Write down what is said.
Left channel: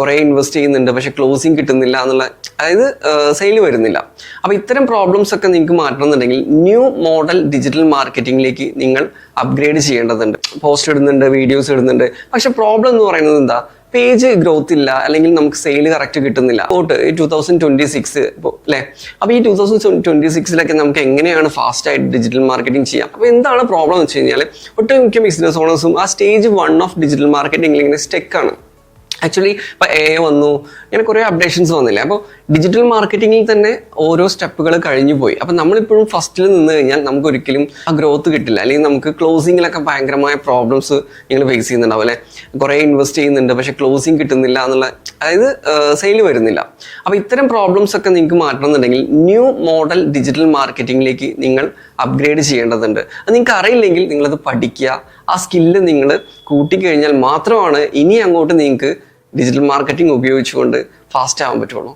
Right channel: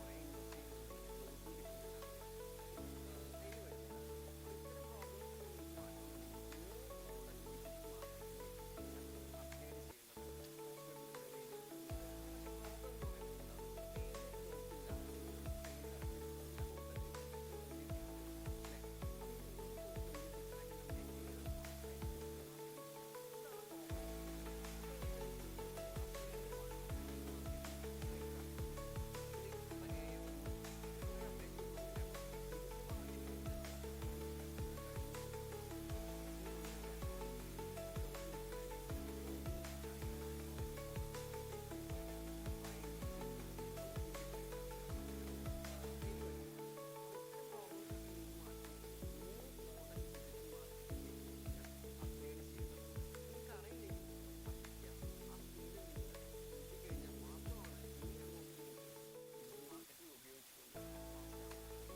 കുറേ ഇൻവെസ്റ്റ് ചെയ്യുന്നുണ്ട് പക്ഷെ ക്ലോസിങ് കിട്ടുന്നില്ല എന്നുള്ള, അതായത് സെയിൽ വരുന്നില്ല. അപ്പോൾ ഇത്തരം പ്രോബ്ലംസ് ഒക്കെ നിങ്ങൾക്ക് മാറ്റണമെന്നുണ്ടെങ്കിൽ ന്യൂ മോഡൽ ഡിജിറ്റൽ മാർക്കറ്റിംഗിലേക്ക് നിങ്ങൾ അപ്ഗ്രേഡ് ചെയ്യേണ്ടതുണ്ട്. പോസ്റ്റ് ഇടുന്നുണ്ട്, വീഡിയോസ് ഇടുന്നുണ്ട്, പക്ഷെ പ്രോബ്ലം എന്ന് പറയുന്നത് എന്താ, പേജ് ഗ്രോത്ത് ഇല്ല, അല്ലെങ്കിൽ നമുക്ക് സെയിൽ കറക്റ്റ് കിട്ടുന്നില്ല. പോട്ട് 2026 ഇപ്പോൾ അല്ലേ, അപ്പോൾ ഈ 2026 നമുക്ക് എങ്ങനെയാണ് ഫാസ്റ്റ് ആയിട്ട് ഡിജിറ്റൽ മാർക്കറ്റിംഗ് ചെയ്യാം? അപ്പോൾ എന്താണ് പ്രോബ്ലം എന്ന് വെച്ച് കഴിഞ്ഞാൽ ഒട്ടുമിക്ക ബിസിനസ് ഓണേഴ്സും ആ സ്റ്റേജ് 1 ഓഫ് ഡിജിറ്റൽ മാർക്കറ്റിംഗിൽ ഇങ്ങനെ സ്റ്റെക്കാണ്. ആക്ച്വലി ഇപ്പോൾ AI വന്നു, ഇങ്ങനെ കുറേ അപ്ഡേഷൻസ് വന്നില്ലേ. അപ്പോൾ ഡിജിറ്റൽ മാർക്കറ്റിങ്ങിൽ തന്നെ ഓരോ സ്റ്റെപ്പുകൾ കഴിഞ്ഞു പോയി. അപ്പോൾ നമ്മളിപ്പോഴും ഫസ്റ്റിൽ നിന്ന് കഴിഞ്ഞാൽ നമുക്ക് ഒരിക്കലും ആ ഗ്രോത്ത് കിട്ടില്ല, അല്ലെങ്കിൽ നമുക്ക് ക്ലോസിങ്ങിലൊക്കെ ഭയങ്കരമായ പ്രോബ്ലംസ് നിങ്ങൾ ഫേസ് ചെയ്യുന്നുണ്ടാവും അല്ലേ. കുറേ ഇൻവെസ്റ്റ് ചെയ്യുന്നുണ്ട് പക്ഷേ ക്ലോസിങ് കിട്ടുന്നില്ല എന്നുള്ള, അതായത് സെയിൽ വരുന്നില്ല. അപ്പോൾ ഇത്തരം പ്രോബ്ലംസ് ഒക്കെ നിങ്ങൾക്ക് മാറ്റണമെന്നുണ്ടെങ്കിൽ ന്യൂ മോഡൽ ഡിജിറ്റൽ മാർക്കറ്റിംഗിലേക്ക് നിങ്ങൾ അപ്ഗ്രേഡ് ചെയ്യേണ്ടതുണ്ട്. അത് നിങ്ങൾക്ക് അറിയില്ലെങ്കിൽ നിങ്ങളത് പഠിക്കുക, ആ സ്കില്ല് നിങ്ങൾ കൂട്ടിക്കഴിഞ്ഞാൽ മാത്രമാണ് ഇനി അങ്ങോട്ട് നിങ്ങൾക്ക് ഡിജിറ്റൽ മാർക്കറ്റിംഗ് ഉപയോഗിച്ചുകൊണ്ട് ഫാസ്റ്റ് ആവാൻ പറ്റുള്ളൂ.